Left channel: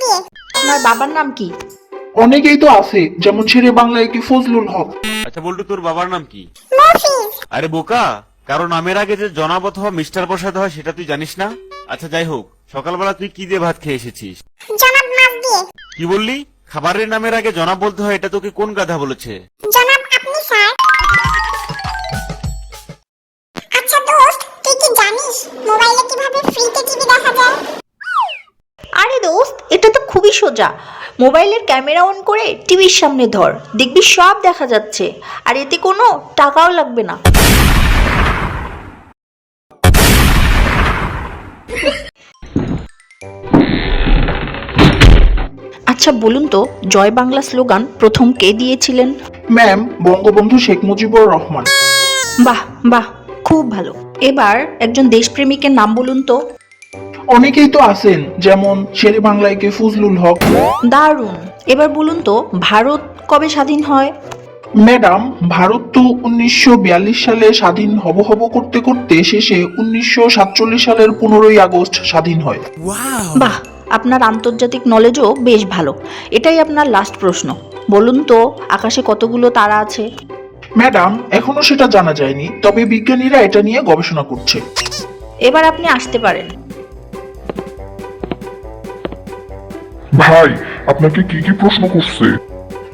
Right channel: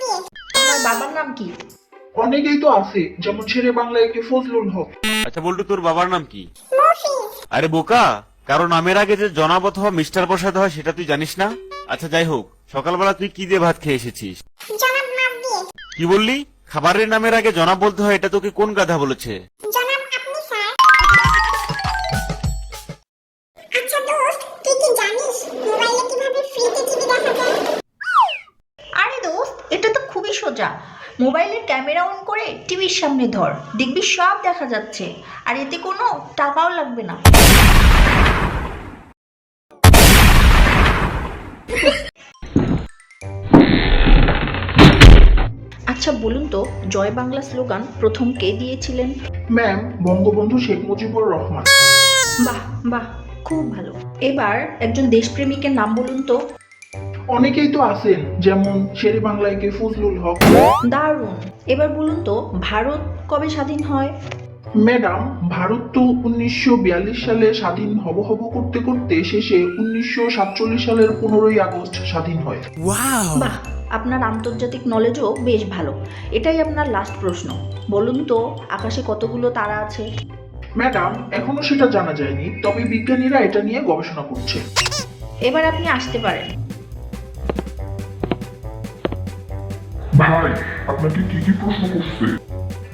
দিয়ে। আপনার বাবার নাম কি? অনেকেই তো আছে, যেমন শেরে বাংলায় কি ফজলুল হক। আচ্ছা বল্টু, তোর বাবার নাম কি? মফিজ। আরে বোকা, কারো নামের আগে যে জনাব অথবা মিস্টার প্রসাদ হয় সেটা তুই জানিস না? আচ্ছা যাই হোক, সকালবেলা তুই কি দিয়ে ভাত খেয়ে এসেছিস? জনাব মাছ দিয়ে। কি বললি? খাবারের নামের আগে জনাব বলতে হয়, এটা তোকে কোন গাধা বলেছে? জনাব আপনি স্যার। আচ্ছা দোস্ত, তুই কি জানিস মোবাইলে কিভাবে ফ্রিতে টিভি দেখা যায়? আরে দোস্ত, এটা তো খুবই সোজা। মোবাইলের ক্যামেরা অন করে টিভির সামনে ধর, দেখবি সব দেখা যাচ্ছে, আর এতে কোনো টাকাও লাগবে না। আচ্ছা বলুন তো, জয় বাংলা স্লোগান প্রথম কে দিয়েছিলেন? ম্যাম, বঙ্গবন্ধু শেখ মুজিবুর রহমান। বাহ বাহ, খুব ভালো। এবার একজন দেশপ্রেমিকের নাম বলুন তো। অনেকেই তো আছেন, যেমন শেরে বাংলায় কি ফজলুল হক। দারুণ। এবার বলুন তো, ভারত কবে স্বাধীন হয়? ম্যাডাম, ভারত তো 1942 সালে স্বাধীন হব হব করতে করতে শেষে 1947 সালের 15ই আগস্ট স্বাধীন হয়। বাহ, আপনার আন্তর্জাতিক নলেজও বেশ ভালো। এটাই আপনার লাস্ট প্রশ্ন। বলুন তো, আকাশে কতগুলো তারা আছে? ম্যাডাম, এখনো সেটা জানা যায়নি, তবে বিজ্ঞানীরা এটা নিয়ে গবেষণা করছে। এবার আপনি আসতে পারেন। ভাই, আপনাকে কি কি প্রশ্ন করছে?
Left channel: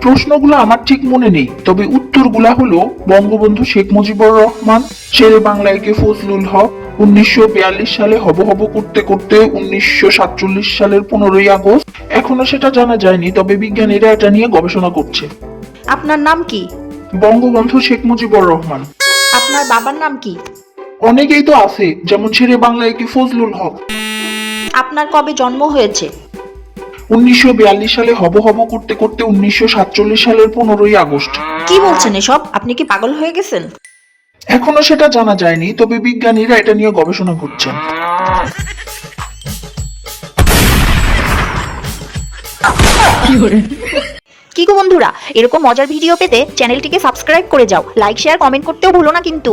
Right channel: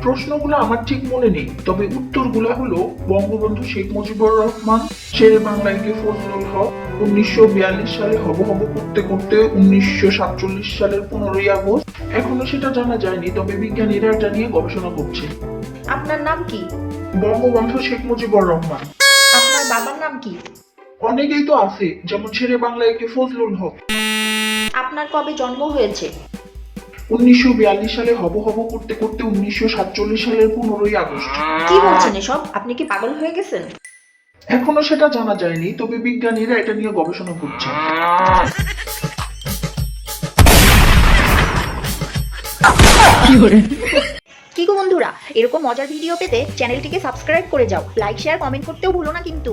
প্রশ্নগুলো আমার ঠিক মনে নেই, তবে উত্তরগুলা হলো বঙ্গবন্ধু শেখ মুজিবুর রহমান, শেরে বাংলায় কি ফজলুল হক, 1942 সালে হব হব করতে করতে 1947 সালের 15ই আগস্ট। এখনো সেটা জানা যায়নি, তবে বিজ্ঞানীরা এটা নিয়ে গবেষণা করছে। আপনার নাম কি? বঙ্গবন্ধু শেখ মুজিবুর রহমান। আপনার বাবার নাম কি? অনেকেই তো আছে, যেমন শেরে বাংলায় কি ফজলুল হক। আপনার কবে জন্ম হয়েছে? 1942 সালে হব হব করতে করতে 1947 সালের 15ই আগস্ট। কি বলছেন এসব? আপনি কি পাগল হয়ে গেছেন? এখনো সেটা জানা যায়নি, তবে বিজ্ঞানীরা এটা নিয়ে গবেষণা করছে। কি গো বন্ধুরা, এরকম মজার ভিডিও পেতে চ্যানেলটিকে সাবস্ক্রাইব করে যাও। লাইক শেয়ার কমেন্ট করতেও ভুলো না কিন্তু।